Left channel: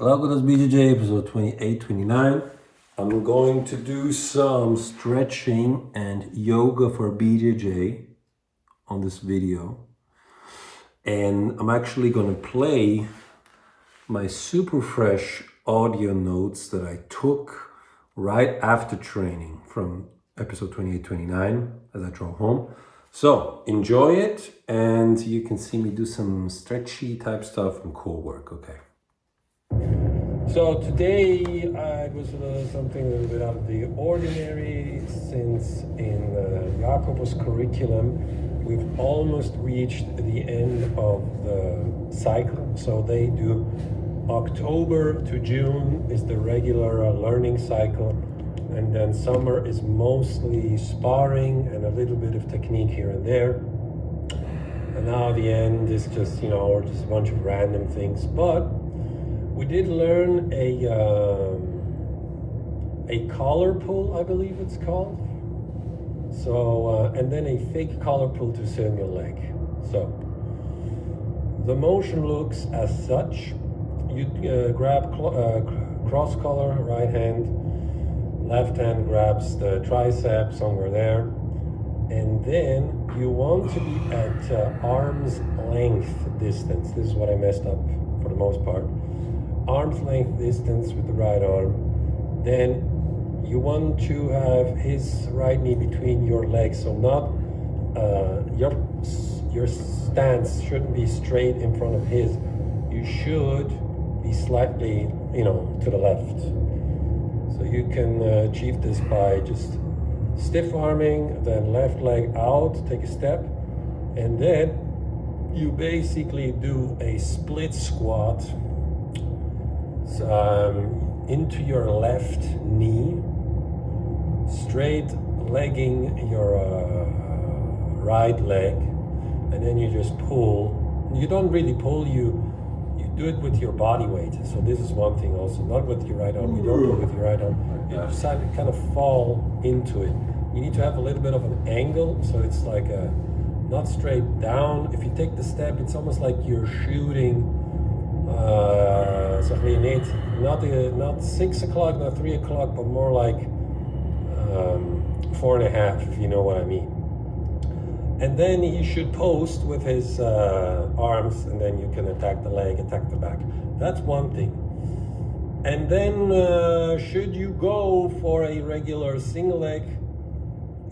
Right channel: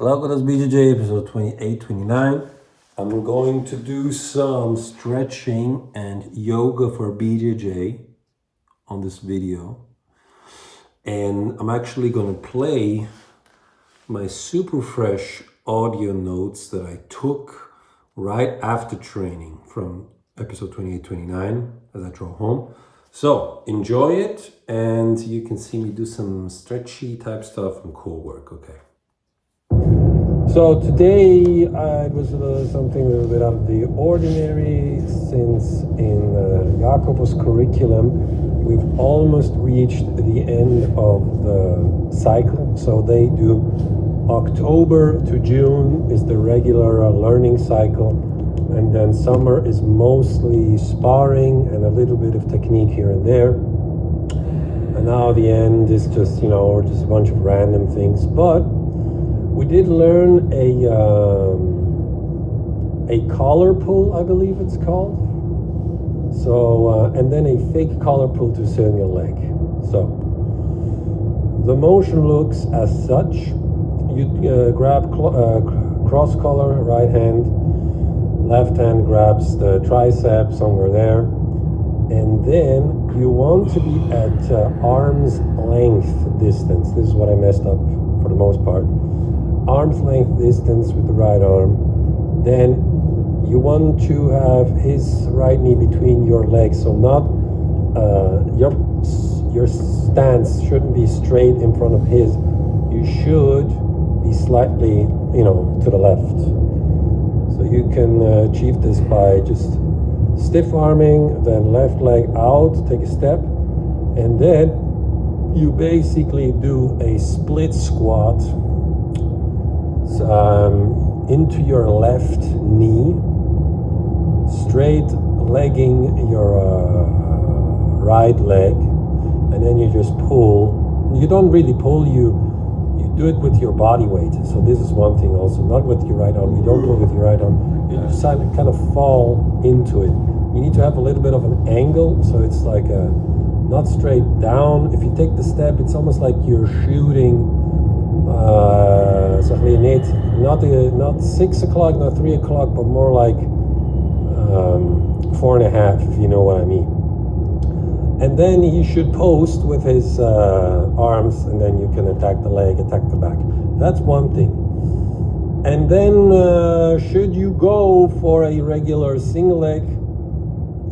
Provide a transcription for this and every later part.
Glauco, that's BJJ, episode 28, 29. I'm going to do some stretching and yoga for BJJ on this video. And I'm actually going to play my super fresh audio notes that I took right after training from episode 28, 29 as I drove home. So enjoy it, and you can see me do some stretchy type stuff and core work, okay? So today I was something a little bit out of the ordinary, since in Jacob's curriculum we've almost reached the end of the cycle. So they do October to June is the regular learning cycle, and then summer is mostly sparring and a little bit of technique here and there. And now the end is just, just a bunch of random things. But we did learn a collar pull, I believe it's called. So, and then a fake collar pull to single leg. So, the motion looks as such. You grab cross collar, right hand, left hand grabs the tricep somewhere there. And then you want to be at arm's length distance. This is what I messed up for the most part. Arm's length distance with the right arm. Then you want to have his right knee between your legs, so not your stance shouldn't be straight in front of his. You should be slightly, to the left. So you can achieve this by just stiff arming, then left leg out, take a step, and then you basically do a split squat. Into your left knee, straight legging your right leg, and then you just pull. You don't really pull, you do it with your body weight. So this is one thing also, not with your right arm. You don't do it with your right arm. You just kind of fall into it. You need to have a little bit of an angle, so it's like not straight down. If you take the step, it's almost like you're shooting. So we need not 6 o'clock, not 3 o'clock, but more like 4.5, if you know what I mean. And then he should post with his arms, and then you can attack the leg, attack the back. That's one thing. And then should you go for a regular single leg,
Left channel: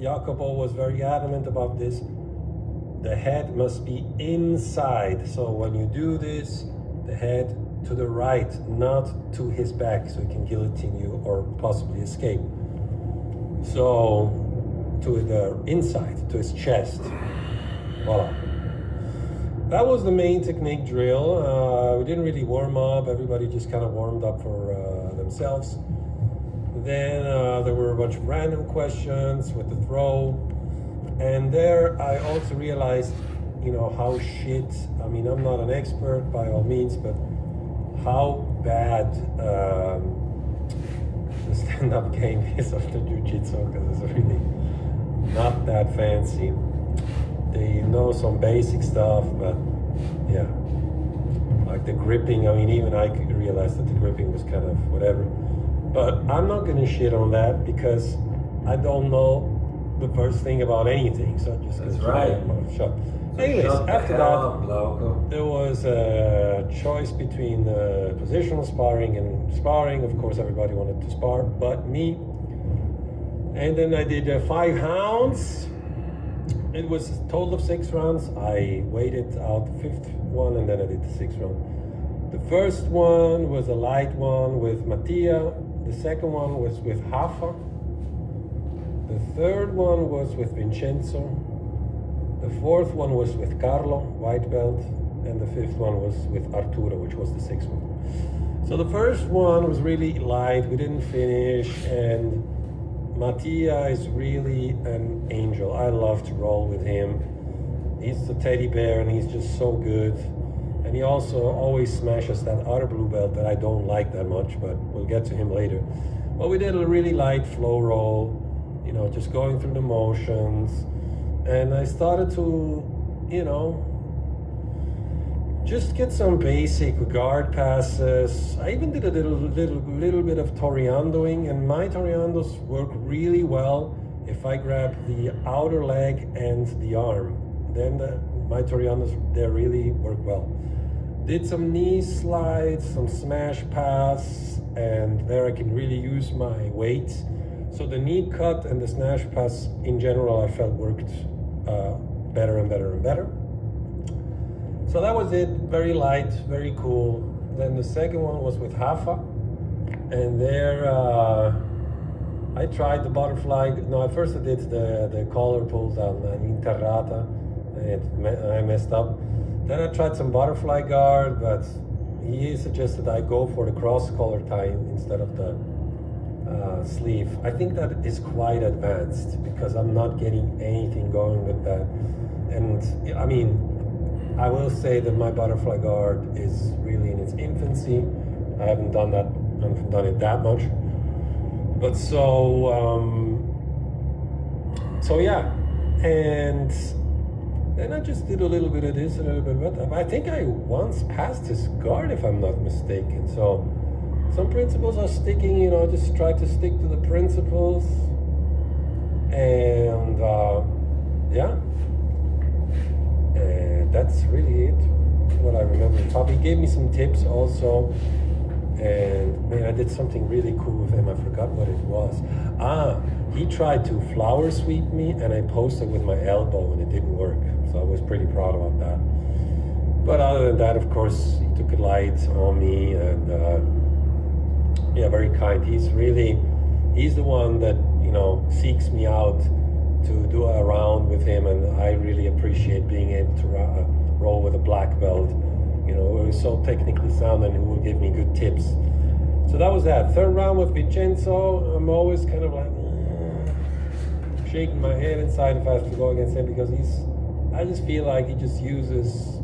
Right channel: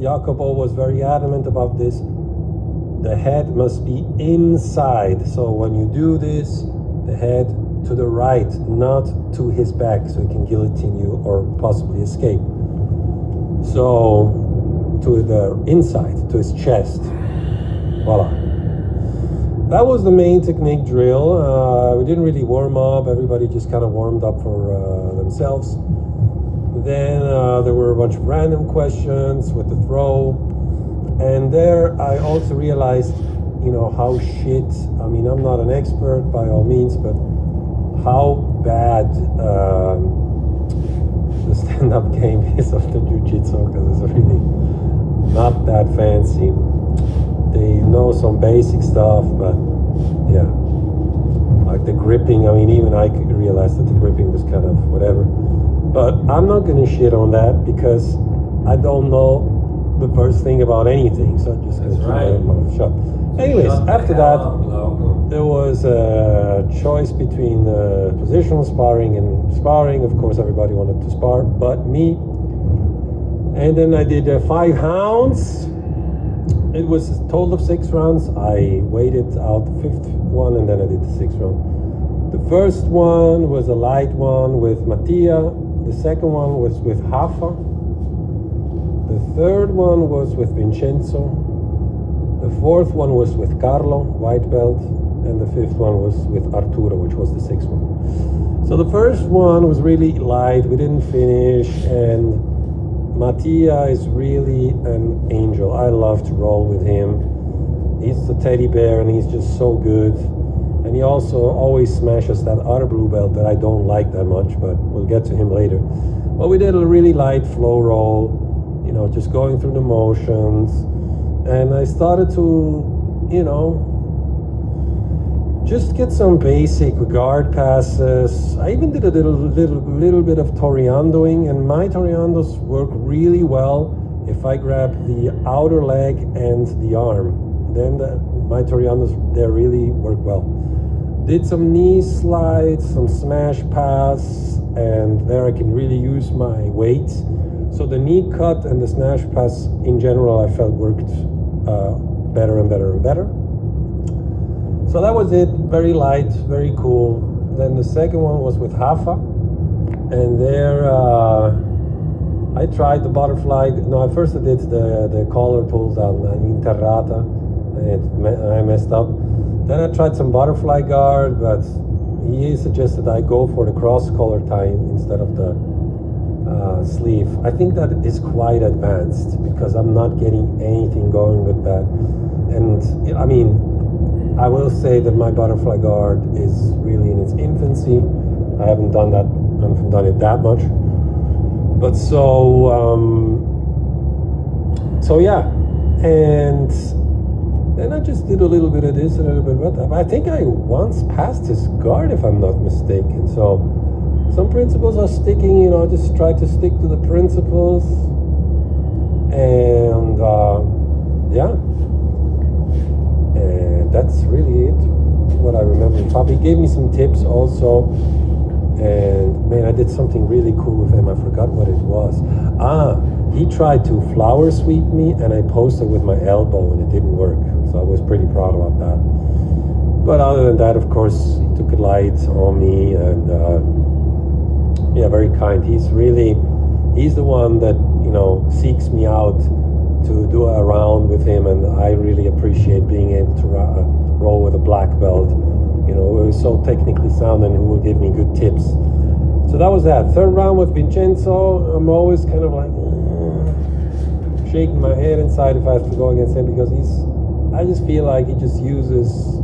Jacopo was very adamant about this. The head must be inside. So when you do this, the head to the right, not to his back, so he can guillotine you or possibly escape. So to the inside, to his chest. Voila. That was the main technique drill. We didn't really warm up. Everybody just kind of warmed up for themselves. Then there were a bunch of random questions with the throw. And there I also realized, how shit, I'm not an expert by all means, but how bad the stand-up game is of the jiu-jitsu, because it's really not that fancy. They know some basic stuff, but yeah, like the gripping, even I could realize that the gripping was kind of whatever. But I'm not gonna shit on that because I don't know the first thing about anything, so just that's right. Shut. Anyways, after that, there was a choice between positional sparring and sparring. Of course, everybody wanted to spar, but me. And then I did 5 rounds. It was a total of 6 rounds. I waited out the 5th one, and then I did the 6th round. The first one was a light one with Mattia. The second one was with Hafa. The third one was with Vincenzo. The fourth one was with Carlo, white belt, and the 5th one was with Arturo, which was the 6th one. So the first one was really light, we didn't finish, and Mattia is really an angel. I love to roll with him. He's the teddy bear, and he's just so good. And he also always smashes that other blue belt that I don't like that much, but we'll get to him later. But we did a really light flow roll, just going through the motions. And I started to, just get some basic guard passes. I even did a little bit of toreandoing, and my toreandos work really well if I grab the outer leg and the arm. Then my toreandos there really work well. Did some knee slides, some smash pass, and there I can really use my weight. So the knee cut and the smash pass in general I felt worked better and better and better. So that was it, very light, very cool. Then the second one was with Hafa, and there I tried the butterfly. No, at first I did the collar pull down, Interrata, and I messed up. Then I tried some butterfly guard, but he suggested I go for the cross collar tie instead of the sleeve. I think that is quite advanced because I'm not getting anything going with that. And I mean, I will say that my butterfly guard is really in its infancy. I haven't done it that much. But so yeah, and then I just did a little bit of this, a little bit of that. I think I once passed his guard, if I'm not mistaken. So some principles are sticking, just try to stick to the principles. And yeah, and that's really it, what I remember. Papi gave me some tips also. And man, I did something really cool with him. I forgot what it was. He tried to flower sweep me, and I posted with my elbow, and it didn't work. So I was pretty proud about that. But other than that, of course, he took it light on me, and yeah, very kind. He's the one that seeks me out to do a round with him, and I really appreciate being able to roll with a black belt. Who is so technically sound and who will give me good tips. So that was that. Third round with Vincenzo. I'm always kind of like shaking my head inside if I have to go against him, because I just feel like he just uses,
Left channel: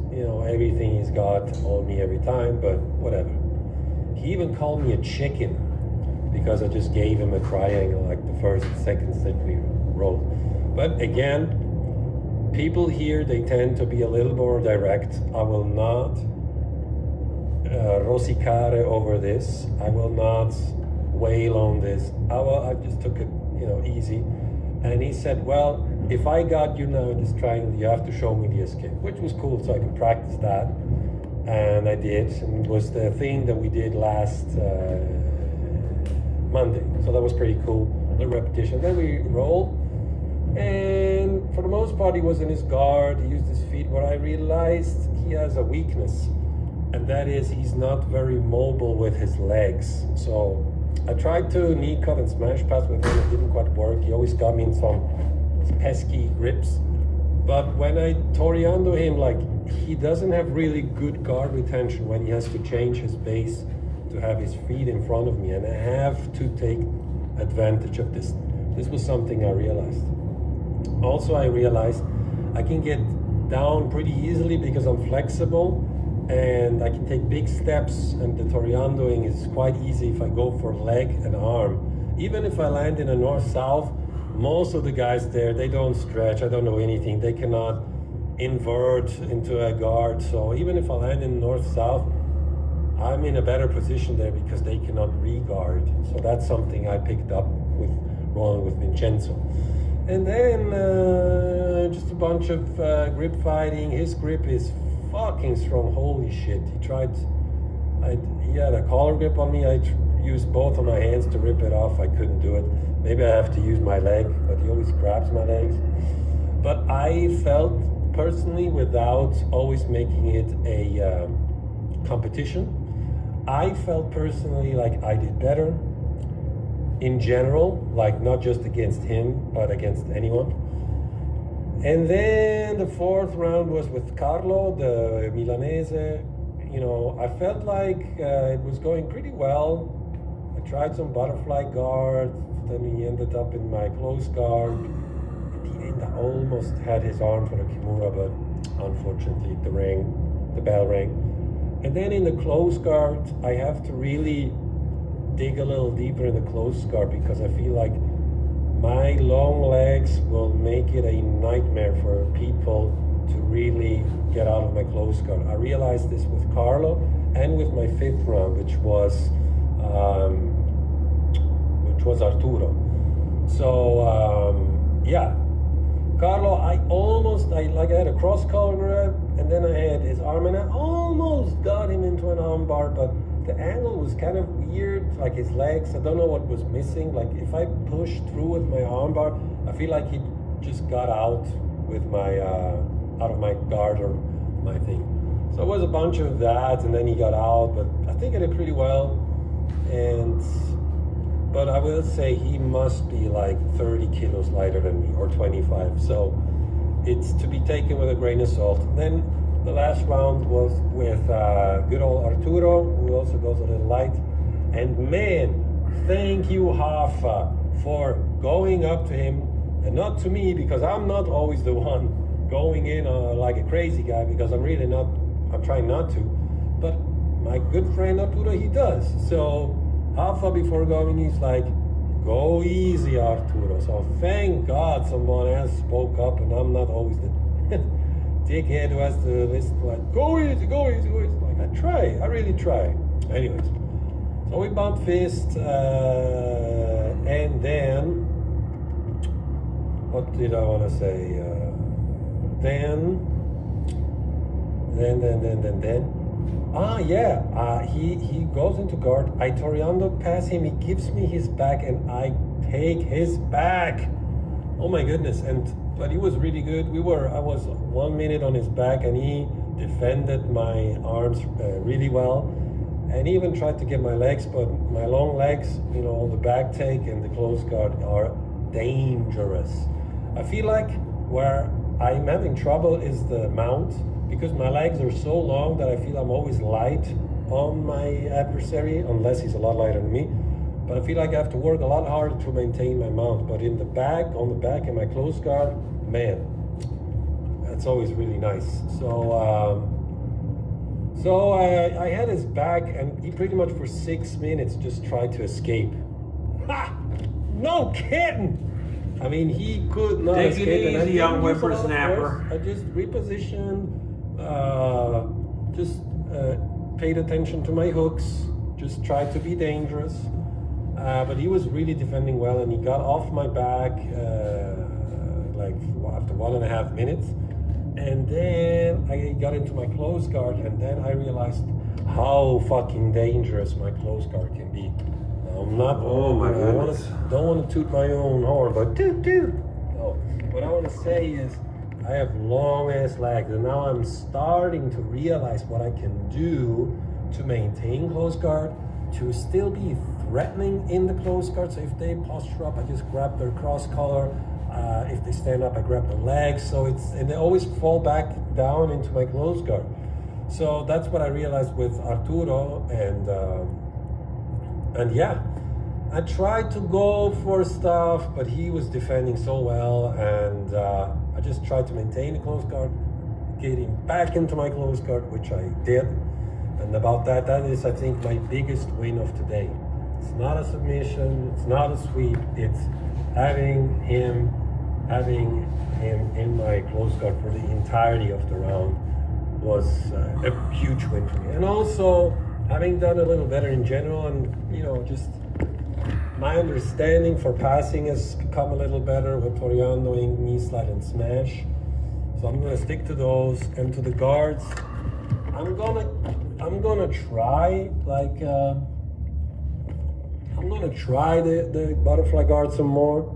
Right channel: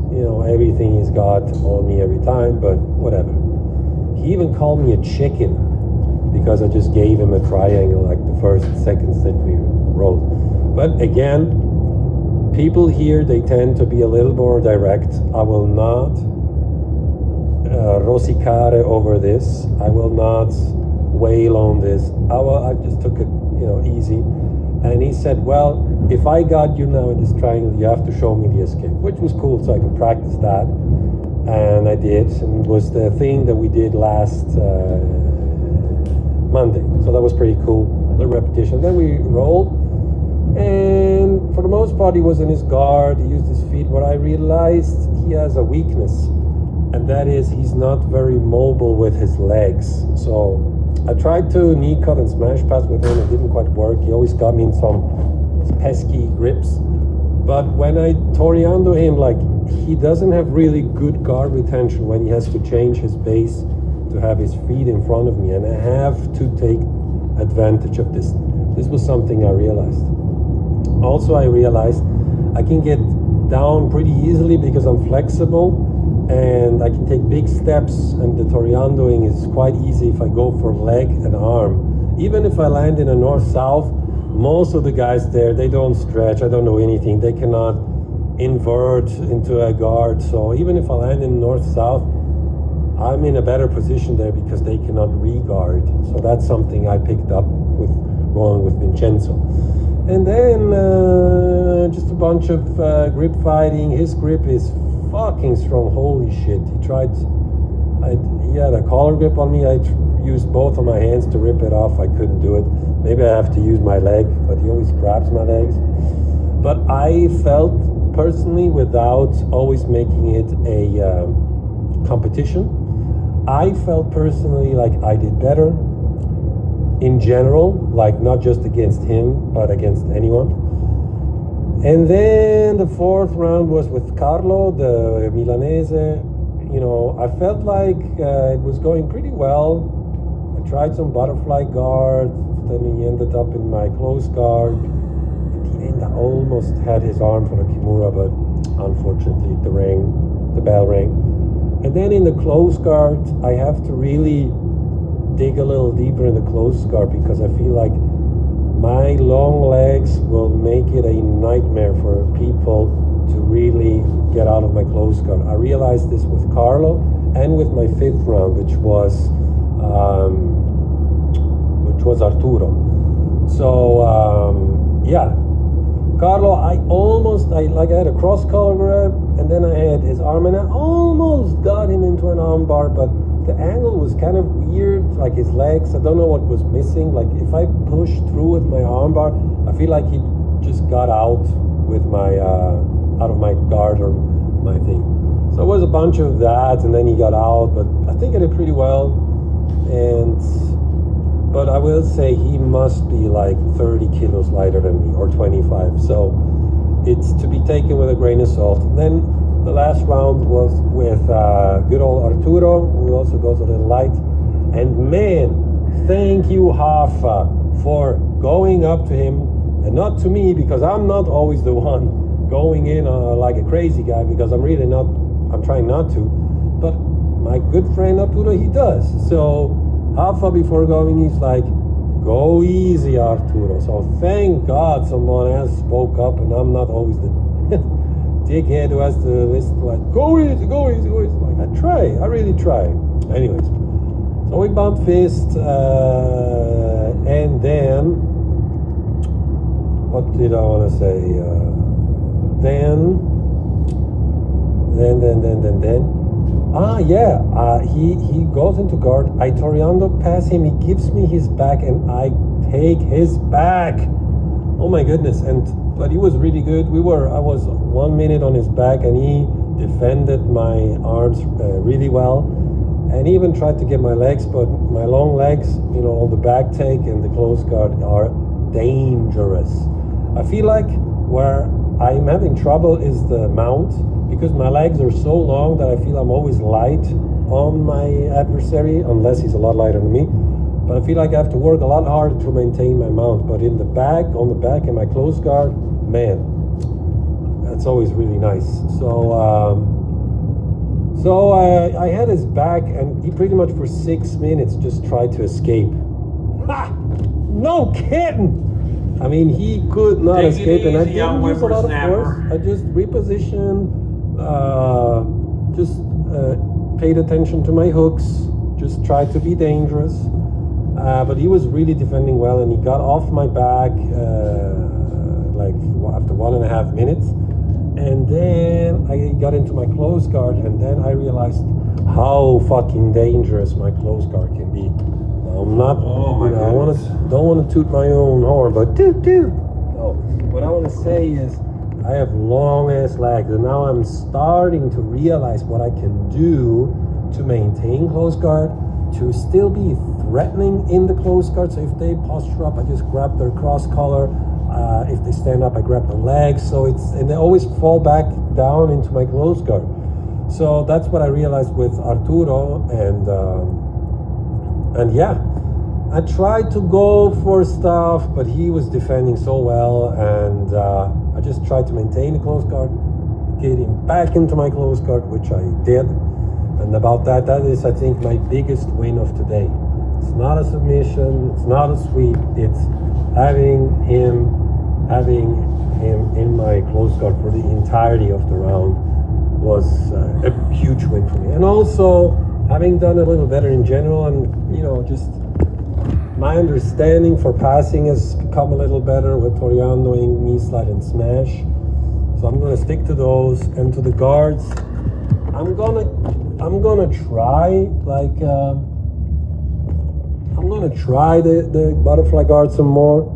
everything he's got on me every time, but whatever. He even called me a chicken because I just gave him a triangle like the first and second set we rolled. But again, people here, they tend to be a little more direct. I will not rosicare over this. I will not wail on this. I just took it, easy. And he said, well, if I got you now in this triangle, you have to show me the escape, which was cool, so I could practice that. And I did, and it was the thing that we did last Monday. So that was pretty cool, the repetition. Then we rolled, and for the most part, he was in his guard, he used his feet. What I realized, he has a weakness, and that is he's not very mobile with his legs. So I tried to knee cut and smash pass with him. It didn't quite work. He always got me in some pesky grips. But when I toreando him, he doesn't have really good guard retention when he has to change his base to have his feet in front of me, and I have to take advantage of this. This was something I realized. Also, I realized I can get down pretty easily because I'm flexible, and I can take big steps, and the toreandoing is quite easy if I go for leg and arm. Even if I land in a north-south, most of the guys there, they don't stretch. I don't know anything. They cannot invert into a guard. So even if I land in north-south, I'm in a better position there because they cannot re-guard. So that's something I picked up with rolling with Vincenzo. And then just a bunch of grip fighting. His grip is fucking strong. Holy shit. He had a collar grip on me. I used both of my hands to rip it off. I couldn't do it. Maybe I have to use my leg, but he always grabs my legs. But I felt personally, without always making it a competition, I felt personally like I did better in general, like not just against him, but against anyone. And then the fourth round was with Carlo, the Milanese. I felt like it was going pretty well. I tried some butterfly guard, then he ended up in my close guard. At the end, I almost had his arm for the Kimura, but unfortunately the bell rang. And then in the close guard, I have to really dig a little deeper in the close guard because I feel like my long legs will make it a nightmare for people to really get out of my close guard. I realized this with Carlo and with my fifth round, which was Arturo. So yeah, Carlo, I had a cross collar grab, and then I had his arm, and I almost got him into an arm bar, but the angle was kind of weird, like his legs. I don't know what was missing. Like if I pushed through with my arm bar, I feel like he just got out with my out of my guard or my thing. So it was a bunch of that, and then he got out, but I think I did pretty well. But I will say he must be like 30 kilos lighter than me, or 25. So it's to be taken with a grain of salt. Then the last round was with good old Arturo, who also goes a little light. And man, thank you, Hafa, for going up to him, and not to me, because I'm not always the one going in like a crazy guy, because I'm trying not to. But my good friend Arturo, he does. So Hafa, before going, he's like, go easy, Arturo. So thank God someone else spoke up, and I'm not always the dickhead who has to listen to like, go easy, go easy, go easy. Like, I really try. Anyways, so we bumped fists, and then, what did I want to say? He goes into guard. I Toriando pass him. He gives me his back, and I take his back. Oh my goodness! But he was really good. I was 1 minute on his back, and he defended my arms really well, and he even tried to get my legs. But my long legs, on the back take and the close guard are dangerous. I feel like where I'm having trouble is the mount, because my legs are so long that I feel I'm always light on my adversary, unless he's a lot lighter than me. But I feel like I have to work a lot harder to maintain my mount. But on the back, in my close guard, man, that's always really nice. So I had his back, and he pretty much for 6 minutes just tried to escape. Ha! No kidding! I mean, he could not escape. Take it easy, young whippersnapper. I just repositioned, paid attention to my hooks, just tried to be dangerous. But he was really defending well, and he got off my back after 1.5 minutes. And then I got into my close guard, and then I realized how fucking dangerous my close guard can be. I'm not. Oh my goodness! Don't want to toot my own horn, but what I want to say is, I have long ass legs, and now I'm starting to realize what I can do to maintain close guard, to still be threatening in the close guard. So if they posture up, I just grab their cross collar. If they stand up, I grab the legs. And they always fall back down into my close guard. So that's what I realized with Arturo, and yeah, I tried to go for stuff, but he was defending so well, and I just tried to maintain the close guard, get him back into my close guard, which I did. And about that is, I think, my biggest win of today. It's not a submission, it's not a sweep, it's having him in my close guard for the entirety of the round was a huge win for me. And also, having done a little better in general, and just my understanding for passing has become a little better with Toriandoing, knee slide, and smash. So I'm gonna stick to those, and to the guards, I'm gonna try the butterfly guard some more,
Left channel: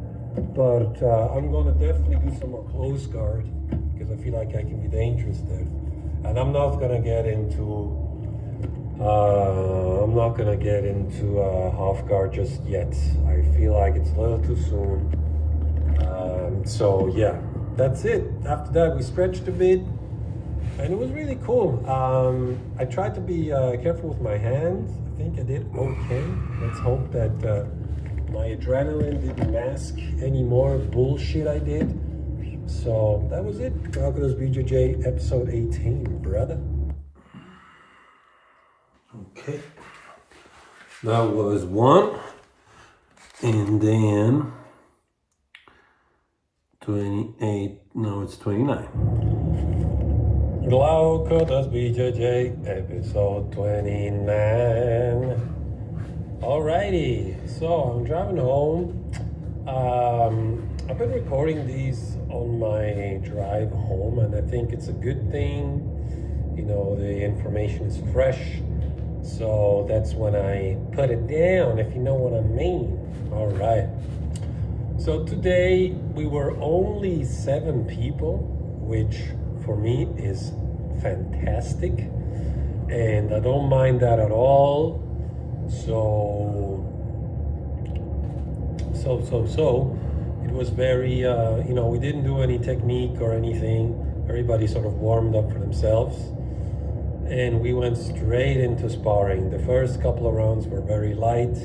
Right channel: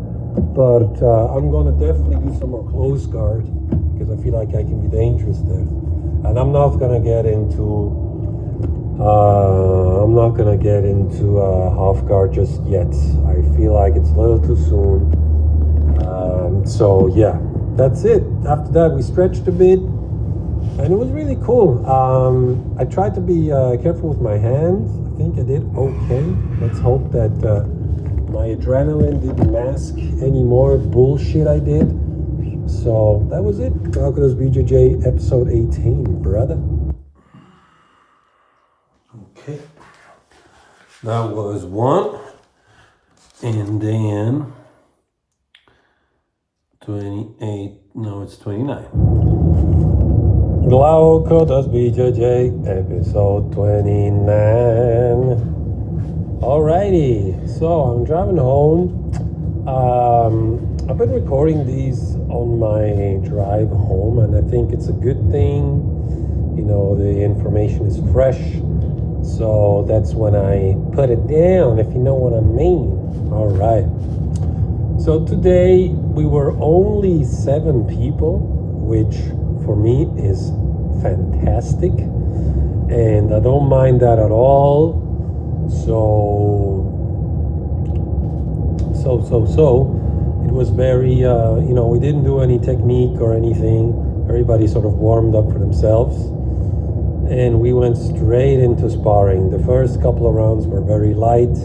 but I'm gonna definitely do some more close guard, because I feel like I can be dangerous there. And I'm not gonna get into half guard just yet. I feel like it's a little too soon. So yeah, that's it. After that, we stretched a bit, and it was really cool. I tried to be careful with my hands. I think I did okay. Let's hope that my adrenaline didn't mask any more bullshit I did. So that was it. Glauco's BJJ episode 18, brother. Okay. That was one. And then 28, no, it's 29. Glauco does BJJ, episode 29. Alrighty, so I'm driving home. I've been recording these on my drive home, and I think it's a good thing. You know, the information is fresh, so that's when I put it down, if you know what I mean. Alright, so today we were only 7 people, which for me is fantastic, and I don't mind that at all. So it was very we didn't do any technique or anything. Everybody sort of warmed up for themselves, and we went straight into sparring. The first couple of rounds were very light,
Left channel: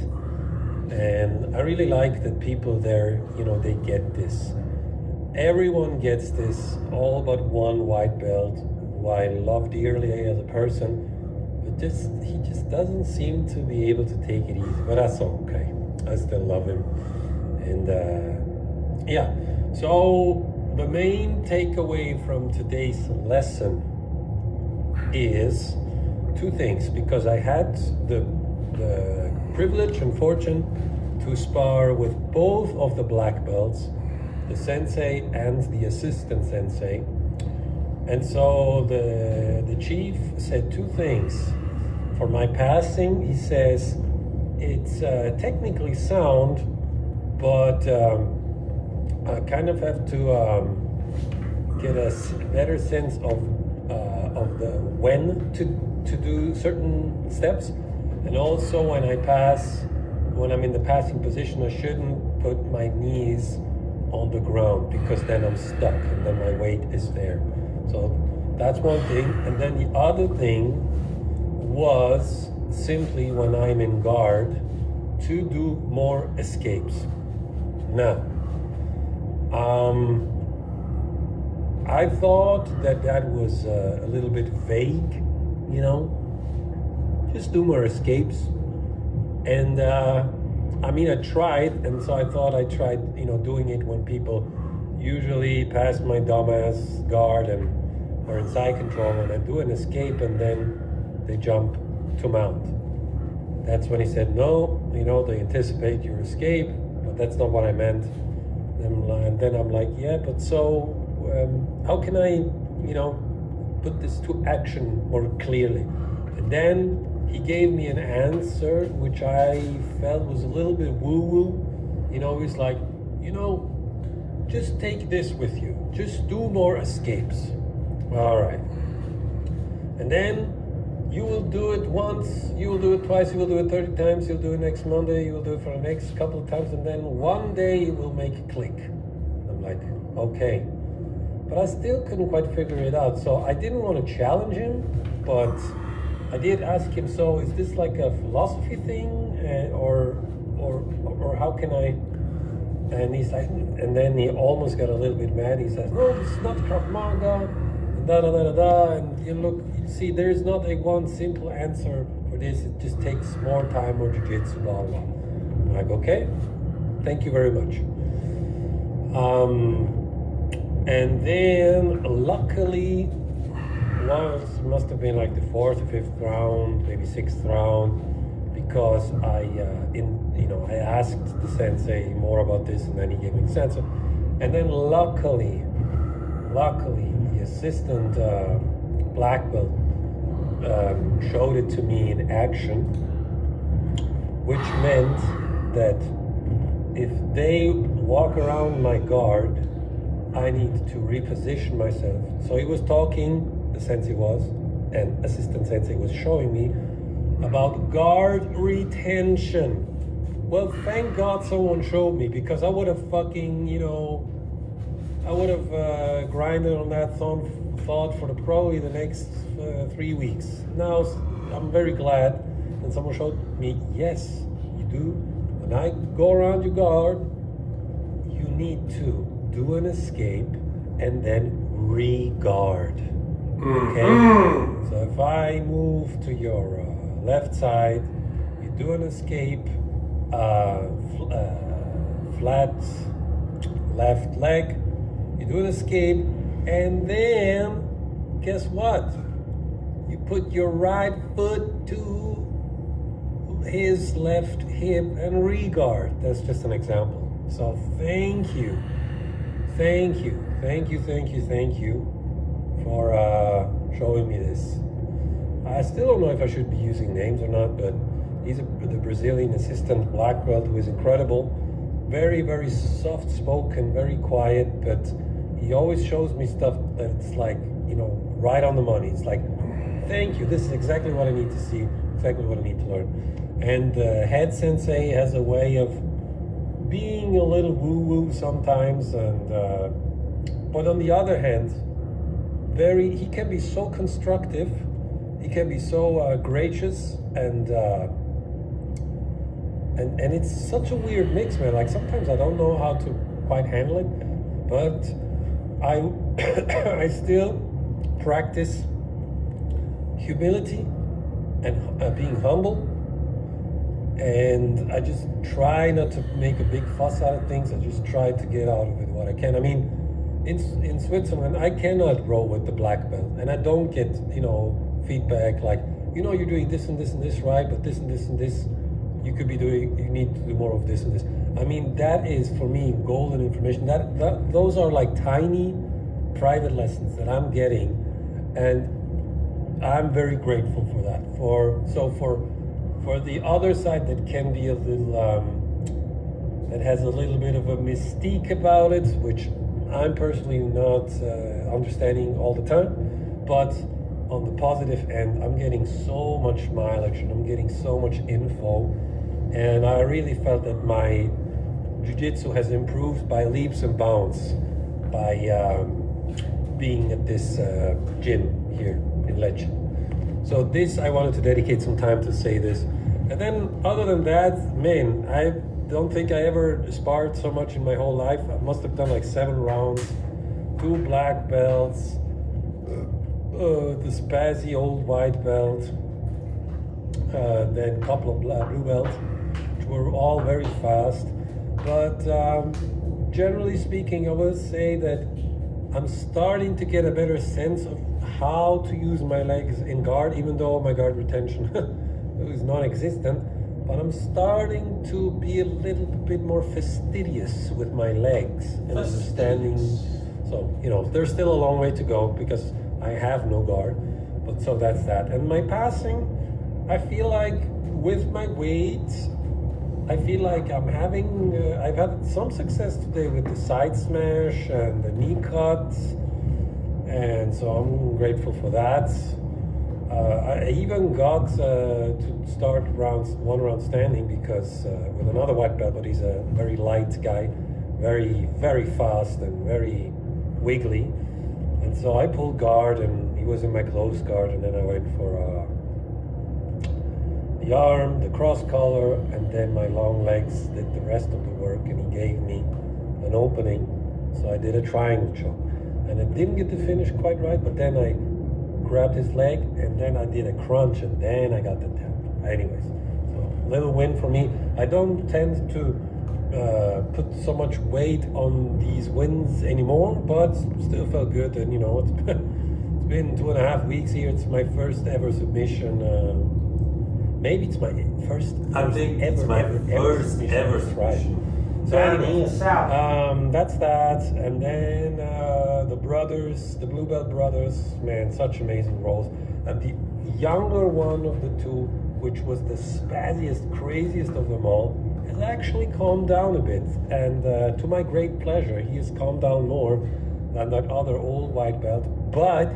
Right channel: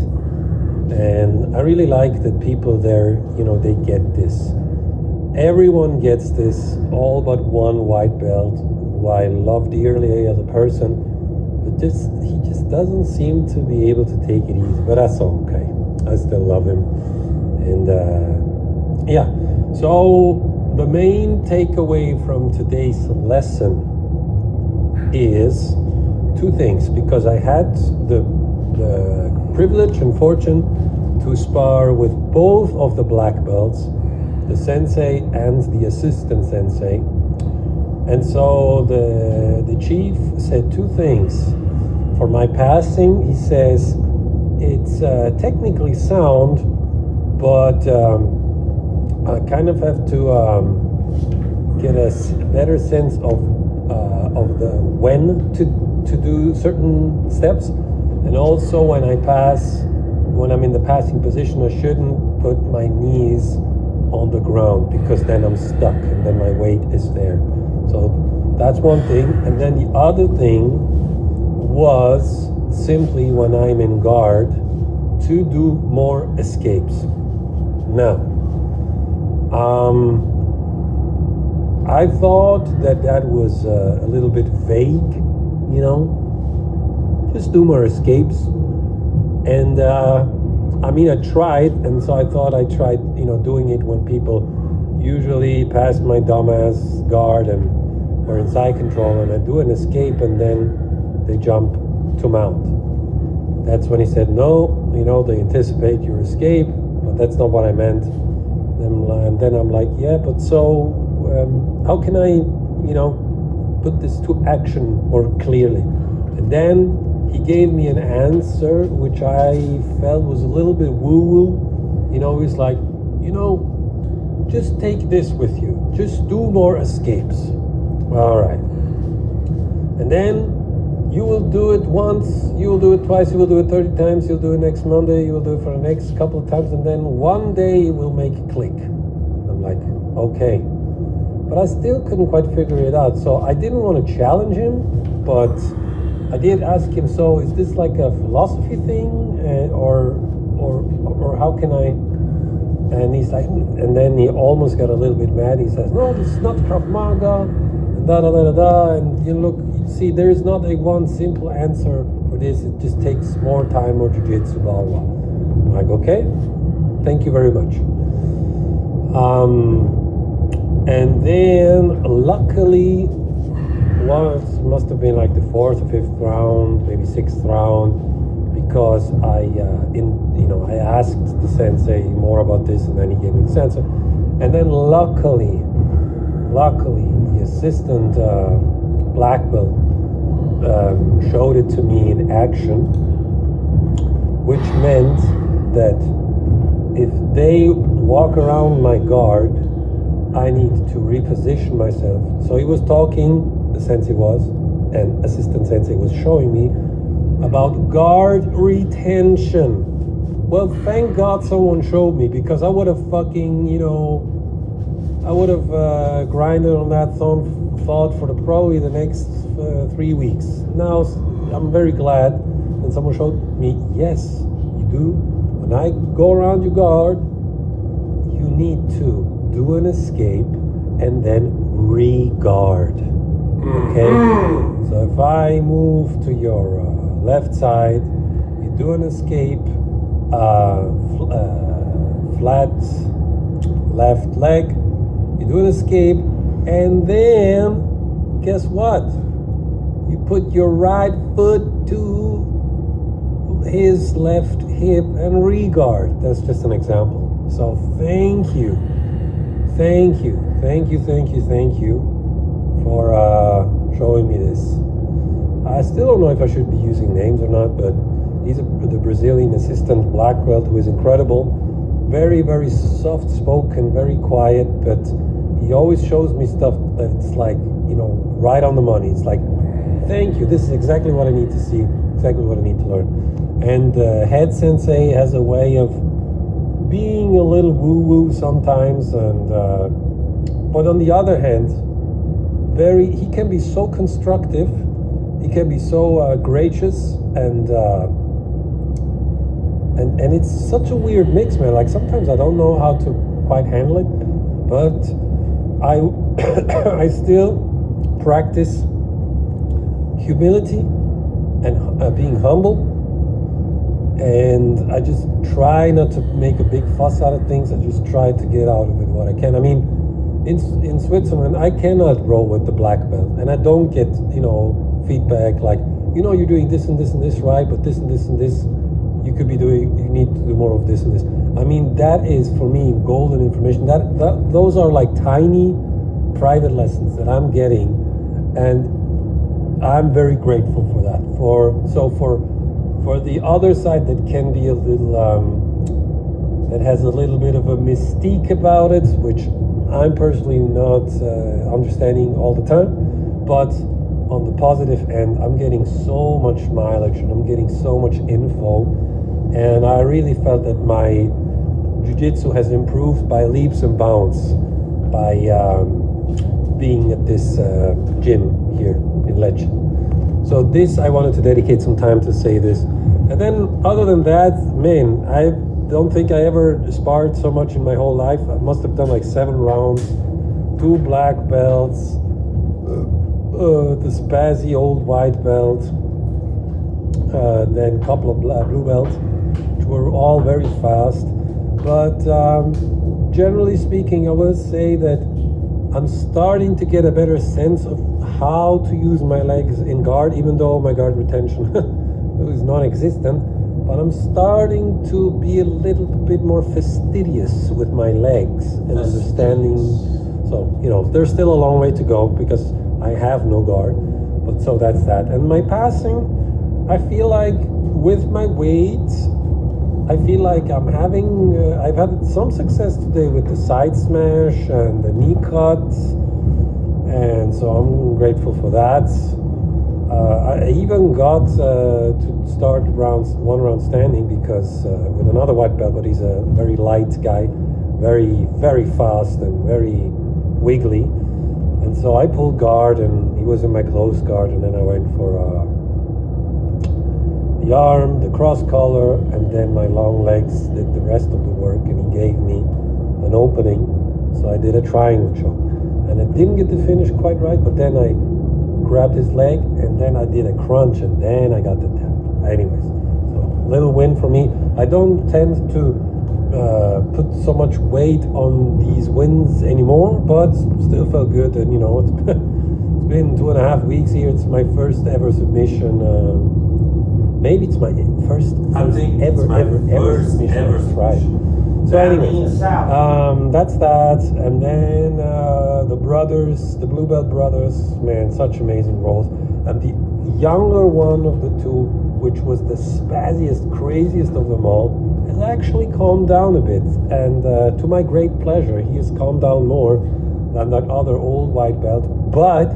and I really like that people there, they get this. Everyone gets this, all but one white belt, who I love dearly as a person, but he just doesn't seem to be able to take it easy. But that's okay. I still love him. And so the main takeaway from today's lesson is 2 things, because I had the privilege and fortune to spar with both of the black belts, the sensei and the assistant sensei. And so the chief said 2 things. For my passing, he says, it's technically sound, but I kind of have to get a better sense of the when to do certain steps. And also when I'm in the passing position, I shouldn't put my knees on the ground, because then I'm stuck and then my weight is there. So that's one thing. And then the other thing was simply, when I'm in guard, to do more escapes. Now, I thought that was a little bit vague, just do more escapes. And I tried, and so I thought I tried, doing it when people usually pass my dumbass guard and are in side control, and I do an escape and then they jump to mount. That's when he said, no, they anticipate your escape, but that's not what I meant. And then I'm like, yeah, but so how can I, put this to action more clearly? And then he gave me an answer which I felt was a little bit woo-woo. He's like, just take this with you. Just do more escapes. All right. And then you will do it once, you will do it twice, you will do it 30 times, you'll do it next Monday, you will do it for the next couple of times, and then one day it will make a click. I'm like, okay. But I still couldn't quite figure it out. So I didn't want to challenge him, but I did ask him, so is this like a philosophy thing, or how can I? And he's like, and then he almost got a little bit mad. He says, no, this is not Krav Maga, and look, see, there is not a one simple answer for this. It just takes more time, more jiu-jitsu, blah, blah. I'm like, okay, thank you very much. And then luckily, must have been like the 4th or 5th round, maybe 6th round, because I asked the sensei more about this, and then he gave me the sensei. And then luckily, the assistant black belt showed it to me in action, which meant that if they walk around my guard, I need to reposition myself. So he was talking, the sensei was, and assistant sensei was showing me about guard retention. Well, thank God someone showed me, because I would have fucking, grinded on that thought for probably the next 3 weeks. Now, I'm very glad that someone showed me, yes, you do. When I go around your guard, you need to do an escape and then re-guard. Okay? So if I move to your left side, you do an escape, flat left leg, you do an escape, and then guess what? You put your right foot to his left hip and regard. That's just an example. So thank you for showing me this. I still don't know if I should be using names or not, but he's the Brazilian assistant black belt who is incredible. Very, very soft spoken, very quiet, but he always shows me stuff that's like, right on the money. It's like, thank you, this is exactly what I need to see, exactly what I need to learn. And Head Sensei has a way of being a little woo-woo sometimes, and but on the other hand, he can be so constructive, he can be so gracious, and it's such a weird mix, man. Like sometimes I don't know how to quite handle it, but I still practice humility and being humble. And I just try not to make a big fuss out of things. I just try to get out of it what I can. I mean, in Switzerland, I cannot roll with the black belt, and I don't get feedback like you're doing this and this and this right, but this and this and this you could be doing. You need to do more of this and this. I mean, that is for me golden information. Those are like tiny private lessons that I'm getting, and I'm very grateful for that. For the other side that can be a little, that has a little bit of a mystique about it, which I'm personally not understanding all the time, but on the positive end, I'm getting so much mileage and I'm getting so much info, and I really felt that my jiu-jitsu has improved by leaps and bounds by being at this gym here in Lecce. So this, I wanted to dedicate some time to say this. And then other than that, man, I don't think I ever sparred so much in my whole life. I must have done like 7 rounds, 2 black belts, the spazzy old white belt, then a couple of blue belts, which were all very fast. But generally speaking, I will say that I'm starting to get a better sense of how to use my legs in guard, even though my guard retention is non-existent. But I'm starting to be a little bit more fastidious with my legs and understanding. So, there's still a long way to go because I have no guard. But so that's that. And my passing, I feel like with my weight, I feel like I've had some success today with the side smash and the knee cuts. And so I'm grateful for that. I even got to start one round standing because with another white belt, but he's a very light guy, very, very fast and very wiggly. And so I pulled guard and he was in my close guard, and then I went for the arm, the cross collar, and then my long legs did the rest of the work, and he gave me an opening. So I did a triangle choke. And I didn't get the finish quite right, but then I grabbed his leg, and then I did a crunch, and then I got the tap. Anyways, so little win for me. I don't tend to put so much weight on these wins anymore, but still felt good. And it's been 2.5 weeks here. It's my first ever submission. Maybe it's my first. I think it's my first ever submission. So anyways, that's that. And then the blue belt brothers, man, such amazing rolls. And the younger one of the two, which was the spazziest, craziest of them all, has actually calmed down a bit. And to my great pleasure, he has calmed down more than that other old white belt. But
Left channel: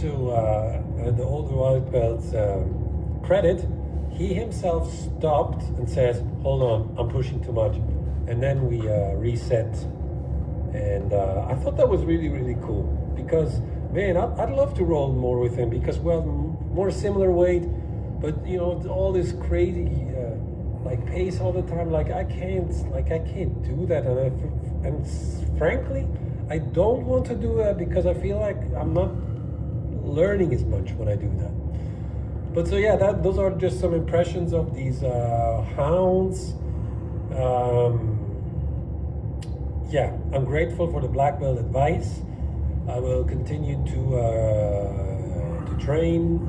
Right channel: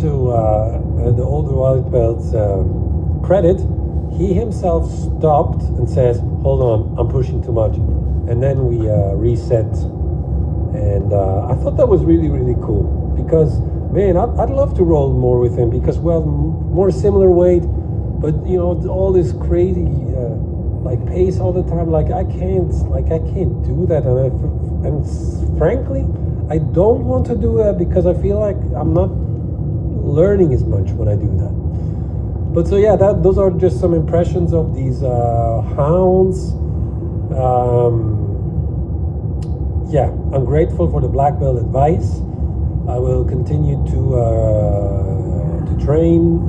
to the older white belt's credit, he himself stopped and says, hold on, I'm pushing too much. And then we reset. And I thought that was really, really cool. Because, man, I'd love to roll more with him because we have more similar weight. But, all this crazy, pace all the time. I can't do that. And frankly, I don't want to do that because I feel like I'm not learning as much when I do that. But so yeah, those are just some impressions of these hounds. Yeah, I'm grateful for the black belt advice. I will continue to train,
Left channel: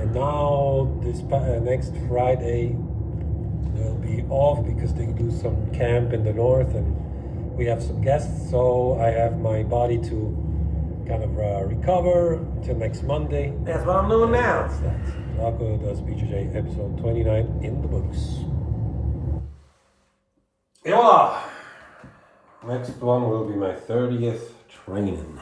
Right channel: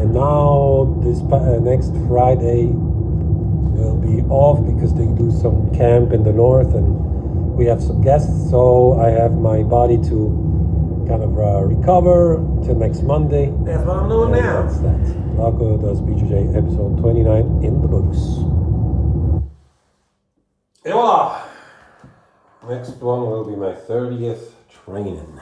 and now this next Friday will be off because they do some camp in the north and we have some guests, so I have my body to kind of recover till next Monday. That's what I'm doing now. That's that. Glauco does BJJ episode 29 in the books. Et voila! Next one will be my 30th training.